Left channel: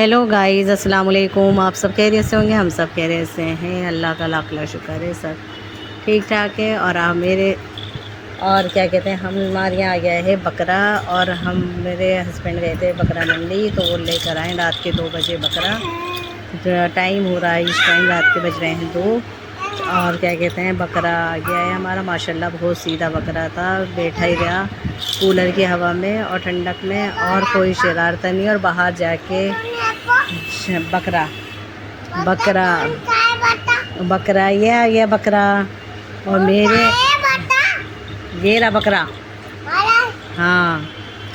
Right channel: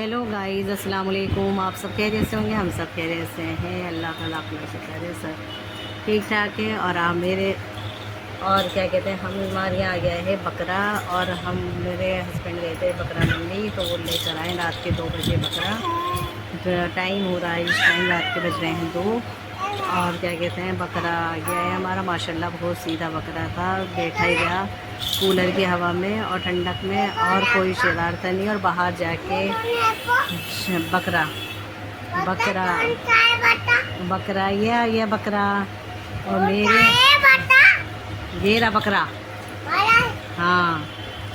Hello guys, अस्सलाम वालेकुम। आप सब खैरियत से होंगे, हम सब खैरियत से हैं। अल्लाह का लाख लाख शुक्र है, सब ठीक ठाक है। और आप मेरे और क्या कहते हैं, हमारे यहाँ आ गया है बकरा। और हम मेरे हस्बैंड गए थे बकरा मंडी, तो वो लेकर आए रात के 2 बजे बकरा। जो टाइम हो रहा है इस टाइम, रात के बज रहे हैं 2। और क्या कहते हैं, बकरा आ गया है हमारा। माशाल्लाह बहुत सीधा बकरा था, बैठा ही गया कूलर की हवा में और ठंडक में, और कोई शरारत नहीं। और बाहर जाके बकरा बकरा बकरा ये आ गया बकरा। और मेरे ये रहा बकरा। हाँ,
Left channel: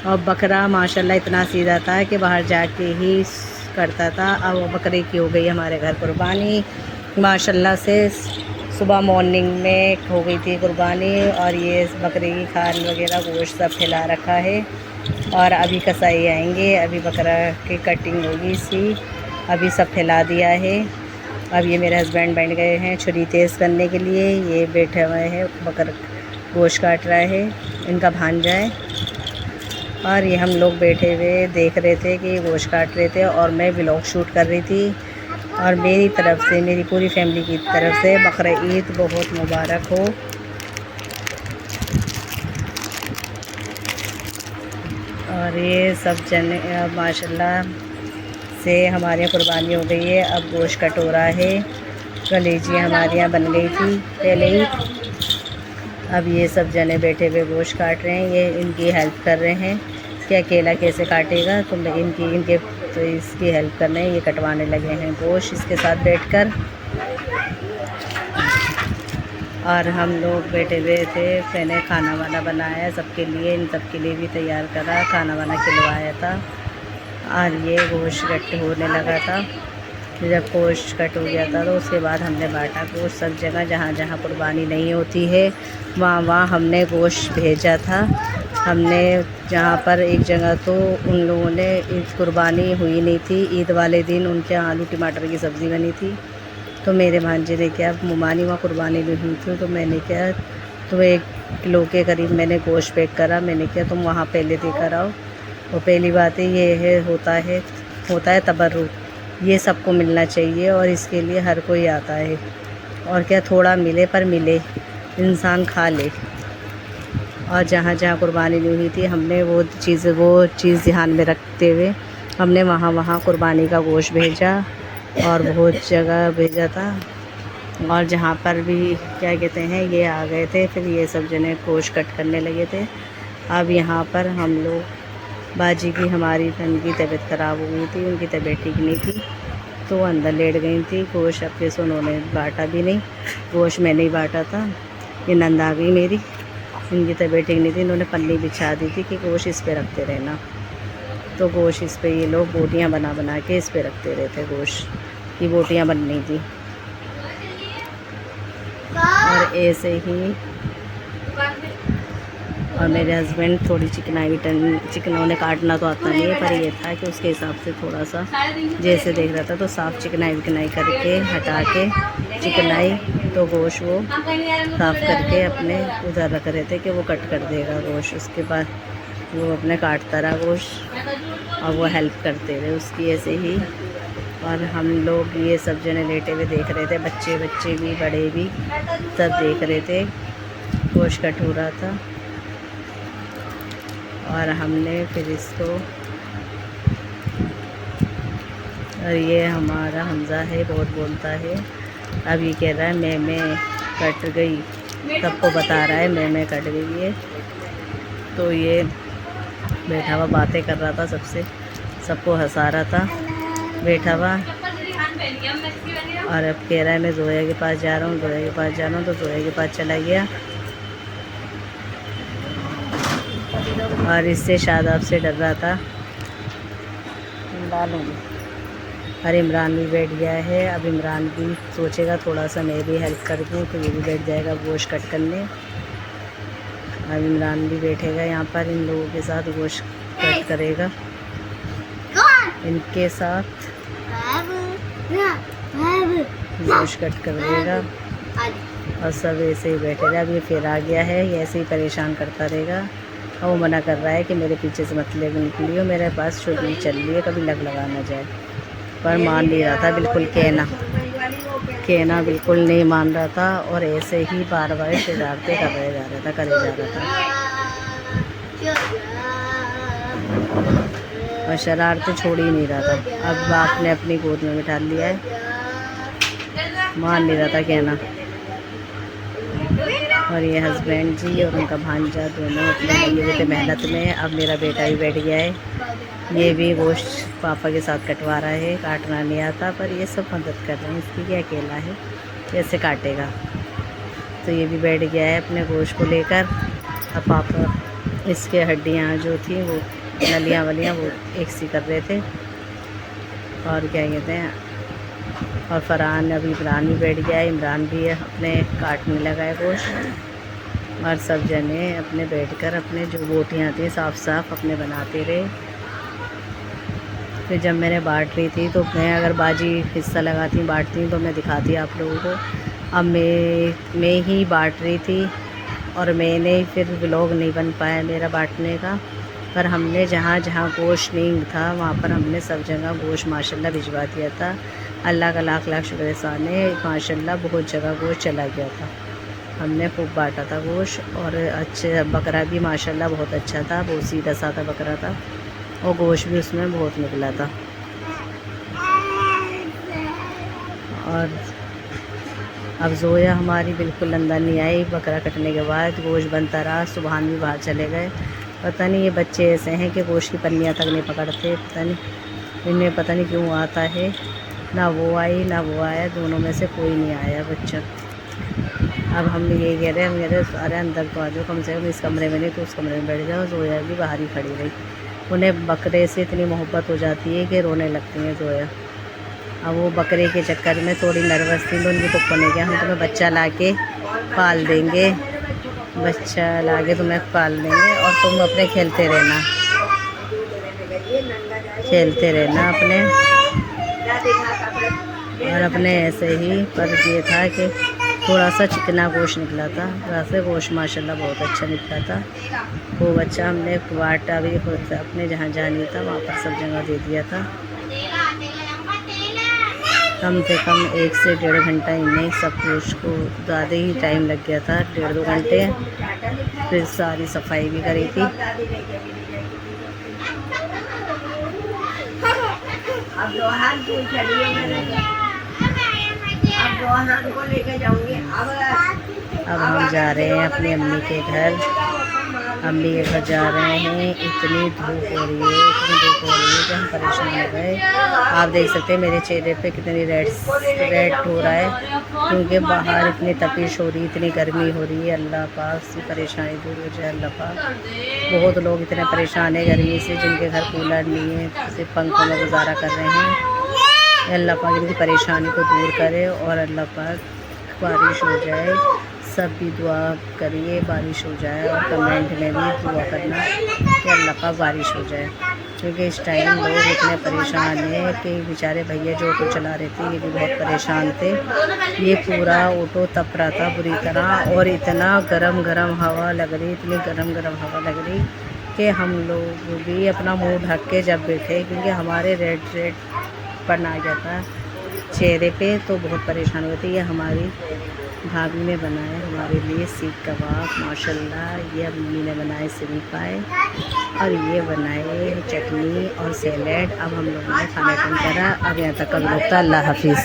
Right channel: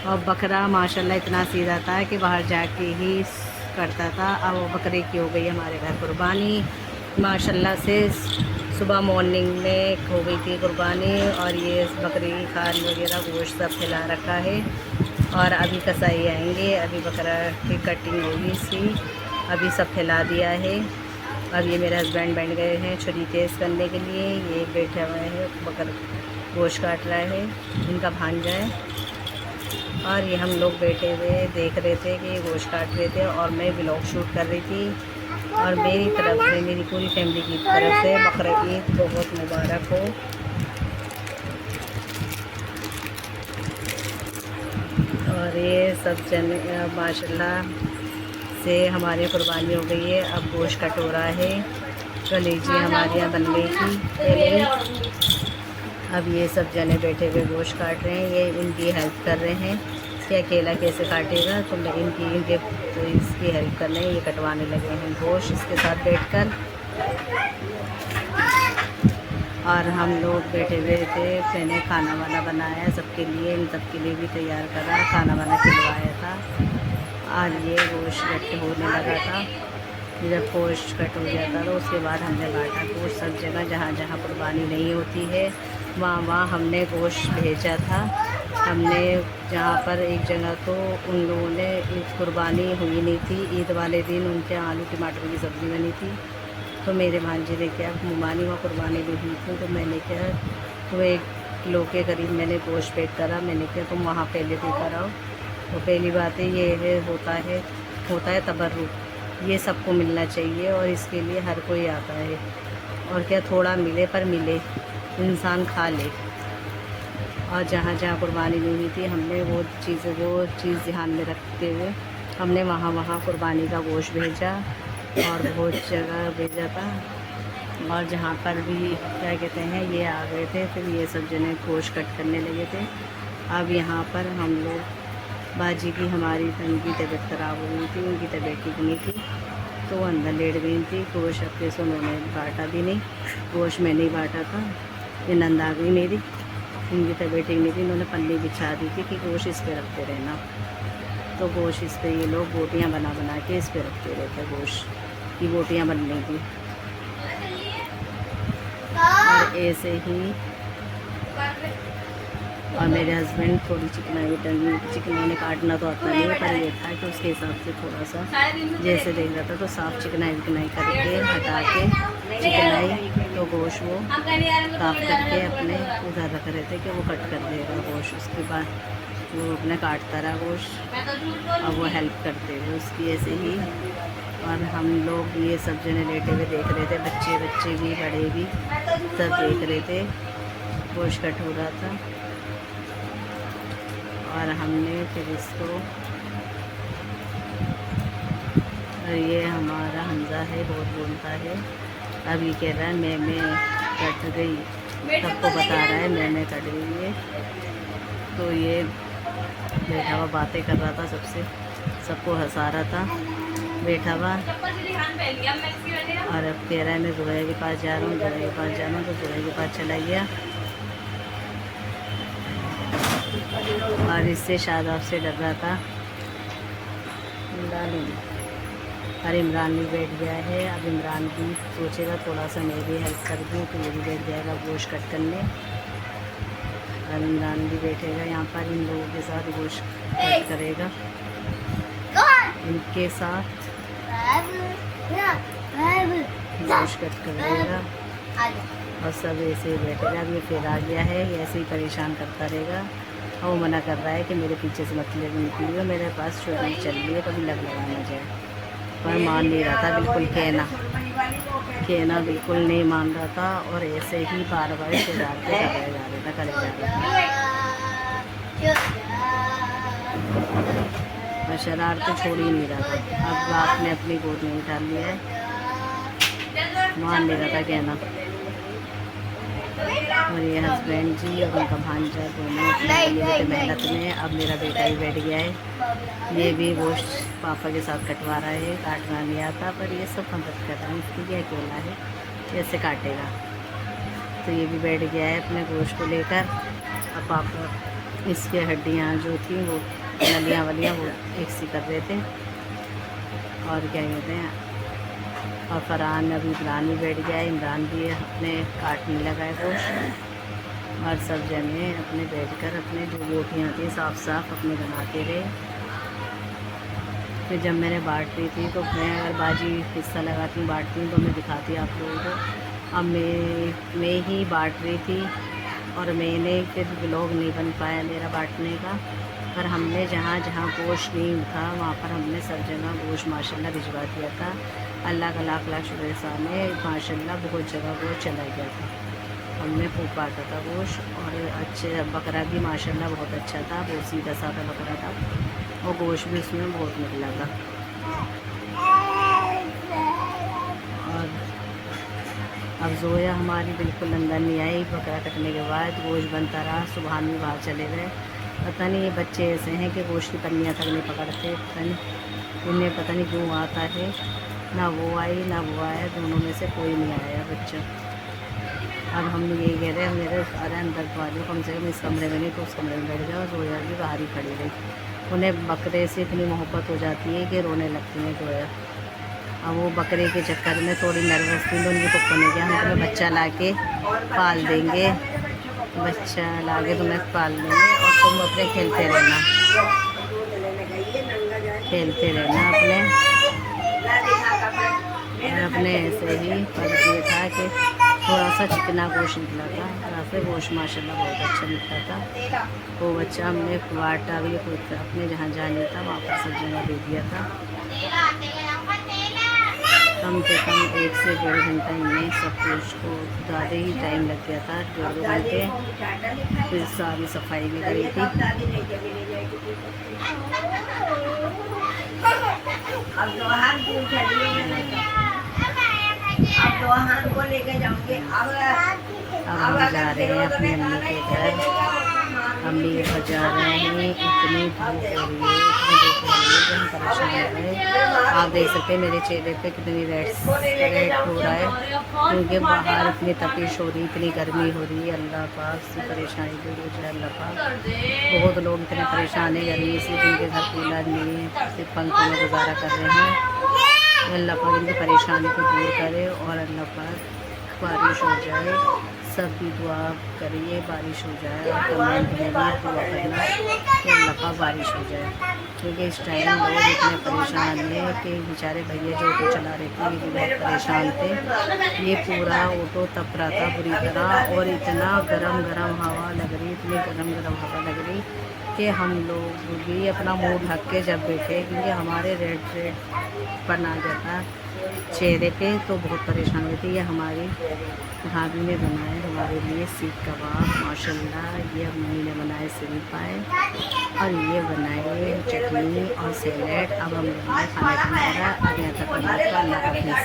और बकरा माशाल्लाह इतना सीधा था कि बाहर जाके ही करता था। अब वो बकरे की हो गई हमारे घर कुर्बानी माशाल्लाह से। सुबह मॉर्निंग में हो गई थी कुर्बानी। और ये बकरे की खान वगैरह गोश्त सब फैला रखा है। और अभी कसाई आएंगे, अभी बकरा की कटिंग होगी इसकी। अभी सब फैला दिया है। अब ये मेरे हस्बैंड बैठ गए हैं छुरी तेज़ करने के लिए। ये बैठे हुए हैं, बकर गोश्त काट रहा है, इनका भांजा है। और ये हम लोग बैठे हुए देख रहे थे कि ये गोश्त काट रहे थे, और मैं व्लॉग शूट कर रही थी। और मेरी तरफ से, मेरी पूरी फैमिली की तरफ से बकरा ईद बहुत मुबारक हो। और ये सब जने माशाल्लाह से हमारे यहाँ कुर्बानी हो गई है। अब गोश्त कट हो रहा है। कलेजी हमारे यहाँ बन गई थी पहले ही। अब ये सब जने बैठे हुए गोश्त काट रहे हैं। ये इनकी हेल्प कर रहे हैं कि अकेला कैसे काटेगा, तो मैं इनके तो इसकी हेल्प कर रहे हैं। ये कटवाने लगे हैं गोश्त इसके साथ बैठकर। और हम लोग बैठे हुए थे। मैंने खाना वाना बनाया सबके लिए, इन सबके लिए भी तैयार करा, खाना वाना खिलवाया था। और ये गोश्त कट होने लगा था। जब गोश्त कट हो गया था तो उसके बाद हमने बांटा गोश्त सब जगह। जहाँ जहाँ कुर्बानी नहीं होती है वहाँ वहाँ हमने गोश्त भेजा था। हमने जहाँ पर एक जगह तो उन लोगों ने ईद कुर्बानी हुई नहीं थी, ईद वाले दिन उनके यहाँ आलू टमाटर की सब्ज़ी बनी थी। तो मेरे भांजे ने क्या, मुमानी वहाँ कुर्बानी भी हुई थी, तो मैंने क्या, तो 1 किलो के करीब मैंने गोश्त पैक करा। मैंने क्या, तुम वहाँ पहले देकर आओ। और पहली बात ये है, होता है तबर्रुक, ये सबको मिलना चाहिए। और इसके लिए हर कोई आता है। और क्या, थोड़ा मिले पर मिले, इंसान खा ले। और जहाँ जहाँ कुर्बानी नहीं हुई थी हमने वो चीज़ ध्यान में रखते हुए हमने वहाँ वहाँ कुर्बानी का गोश्त भेजा। और बहुत जगह भेजा था। और जहाँ पर भी क्या कहते हैं, ये आ गए थे, फिर ये सब जने गोश्त कट करने लगे थे। अब यहाँ पर हम लोग, बाजी की हमारी उनकी तबीयत ख़राब हो गई थी, उनकी तबीयत ठीक नहीं थी, तो वो अंदर लेट गई थी। गोश्त अपने से उन्होंने बांटा भी नहीं, गोश्त मैंने ही बांटा था। ये नंद आ गई मेरी, उनकी तबीयत ठीक नहीं थी, इन्होंने पन्नी बिछा दी थी कि गोश्त इस पर रखते रहना। तो गोश्त इस पर ये लोग बोटियाँ बना बना के इस पर रखते रहते। गोश्त की बोटियाँ बन रही थी। और ऐसे ही, और मेरे हस्बैंड थोड़ी चिकन उन्हें काटना तो आता नहीं है, पर ये था कि उसके हिसाब से थोड़ा सा जैसे देख रहा था, तो साफ़ चिकनाई करके हटा के चिकनाई, तो गोश्त वो साफ़ करके अपने उधर रख रहे थे कि वो कट कर देगा गोश्त। उसके बाद वो अपने काटता रहा गोश्त, और वो हेल्प करते रहे उसकी ऐसे ही। और हम लोग ये सब जने लेटे हुए देख रहे थे, बच्चे भी बड़े भी सब देख रहे थे, गोश्त कट हो रहा था। और हमने फिर इसको, और ये हमारा हमज़ा है, बहुत बोलता है। अब ये कह रहा है मैं कट गई, सबको बता रहा है मैं कट गई है। तो ये बैठा हुआ बातें कर रहा था सबको हंसा रहा था बैठा हुआ। और अब कह रहा है मैं जोया के पास जा रहा हूँ, तो जोया के पास चला गया। और इससे शादाब से डर रहा था, और इमरान भी बैठ गया है। अब इमरान भी सोचेगा थोड़ा सा मैं भी हेल्प कर दूँ, तो ये भी बैठ जाएगा गोश्त कट करने। अब इमरान भी बैठेगा यहाँ पर, इन लोगों के साथ गोश्त कट करेगा, इनके साथ गोश्त कट करेगा। और सब ऐसे ही बैठेगा। अब ये फिर आ गया है, ये ऐसे ही परेशान करता रहेगा। और वो मना कर रहा है कि मेरे पीछे से मत निकलियो, मेरे पास छुरी चल रही है, कभी लग ना जाए। पर मान नहीं रहा था, बिल्कुल कहना बिल्कुल नहीं मान रहा था और ऐसे ही बार बार शरारतें करे जा रहा था और शरारतें छोड़ ही नहीं रहा था। अब बाप ने अपनी गोद में बिठा लिया है, मान नहीं रहा था कहना। और ये हस्बैंड जी और उनका भांजा दोनों अपने लगे हुए थे मेहनत में। अब मेरा बेटा भी बैठ गया है, ये भी गोश्त पापा के साथ कटवा रहा है, काटना नहीं आता पर ये सब मदद कर रहे हैं, इसकी क्या अकेला है कैसे काटेगा। तो ये भी बैठ गया है अपने गोश्त को लेकर। अब पापा इसके हड्डियाँ जो थी वो नलियाँ वलियाँ वो एक सी कर रहे थे और क्या कहते हैं। और फरहान अभी इमरान भी बैठ गया है, इमरान भी अपने काटने लगा है गोश्त और सब जने अपने बैठकर अपने जो बोटियाँ थी साफ अपने बनाते रहे। फिर जब मैंने बांट ली थी तो मैं अगर बाजी हिस्सा लगाती बांटती तो मैं दिखाती आप लोगों को। अब मैं ही बांट रही थी और मैंने फिर व्लॉग नहीं बन पाया मेरा बांटने का। पर हमने जहाँ जहाँ गोश्त नहीं था वहाँ पर हमने सब जगह गोश्त माशाल्लाह भिजवा दिया था। अल्लाह का लाख लाख शुक्र एहसान है, माशाल्लाह बहुत जगह गोश्त चला गया था। हमने खूब बांटा था गोश्त और अच्छे बकरा भी माशाल्लाह बहुत अच्छा था, बहुत सीधा साधा बकरा था और गोश्त भी उसमें बहुत निकला था। और अब जोया हमारी बिल्कुल अंदर नहीं आई। बकरा कटने के बाद गोश्त बनता रहा, सुबहान भी बाहर चले गए। पता नहीं ये बच्चे ऐसे हैं कि गोश्त की पन्नियाँ तक नहीं पकड़ते, पता नहीं इनमें पता नहीं क्यों आता है। ना वो आई ना वो आया, दोनों में से कोई नहीं आया बच्चा। अब हम ये कह रहे हैं मेरे अरे अंदर तो आ जाओ, कम से कम इस कमरे में नहीं तो उस कमरे में बैठ जाओ। जोया भी बाहर ही खड़ी रही, उन्हें बकरे से इतनी मोहब्बत हो जाती है कि रोने लगती हैं जोया। अब वो बकरे के चक्कर में थोड़ी नर्वस थी तो उनकी पप्पा ने कहा हम तुम्हें बच्चा ला के पाल देंगे, बच्चा ला के तुम्हें पाल देंगे और तुम अपने खेलते रहना अपने और अपने ऐसे ही। पर ये था कि थोड़ा सा चिकना गोश्त निकला था, वैसे गोश्त माशाल्लाह बहुत अच्छा निकला था। वो बच्चा हमने बांटा भी अपने जहाँ नहीं था वहाँ पर सब जगह दे दिया था। कम से कम 1 से 1.5 घंटा इनमें सब कुछ को ज़्यादा ही टाइम लग गया था, 1.5-2 घंटे। फिर सारी सफाई भी करी थी। अब हम जा रहे हैं अपनी अम्मी के घर। अम्मी के घर जा रहे हैं। इतनी धूप हो रही है कि हम परेशान हो गए। आप देख सकते हैं मेरे चेहरे पे कितनी रेड हो रहा है क्योंकि बाहर इतनी तपिश हो रही है, इतनी गर्मी हो रही है। अल्लाह पाक से परेशानी दूर हो जाए अल्लाह पाक। बहुत लोग इतने परेशान है गर्मी से जिनके घर कूलर नहीं है, सिर्फ पंखों में गुजारा कर रहे हैं। अल्लाह पाक इनकी परेशानी को दूर करे और अल्लाह पाक बारिश हो जाए। सब भी दुआ करिए बारिश हो जाए और कमेंट में भी दुआ करना कि अल्लाह पाक बारिश हो जाए क्योंकि इस टाइम लोग इतने परेशान हैं कि बेचारे भैया जो ऑटो चला रहे थे ये भी बहुत परेशान थे। ये पूरा ऑटो तप रहा था बुरी तरह और इतना गरम हवा लग रही, इतनी गरम हवा लग रही कि हम लोग भी अपना मुँह ढक के जब बैठे क्योंकि हमारे रेड पन आ जाता चेहरे पे तो बहुत परेशान होती। ये हमारी भाभी ने बनाए हमारे लिए सीख कबाब माशाल्लाह। ये अम्मी ने बनाए सिरी पाए और ये बनाए चटनी और सैलेड। अब हम लोगों ने खाना कम करा। अब यहाँ तक का अल्लाह हाफिज़।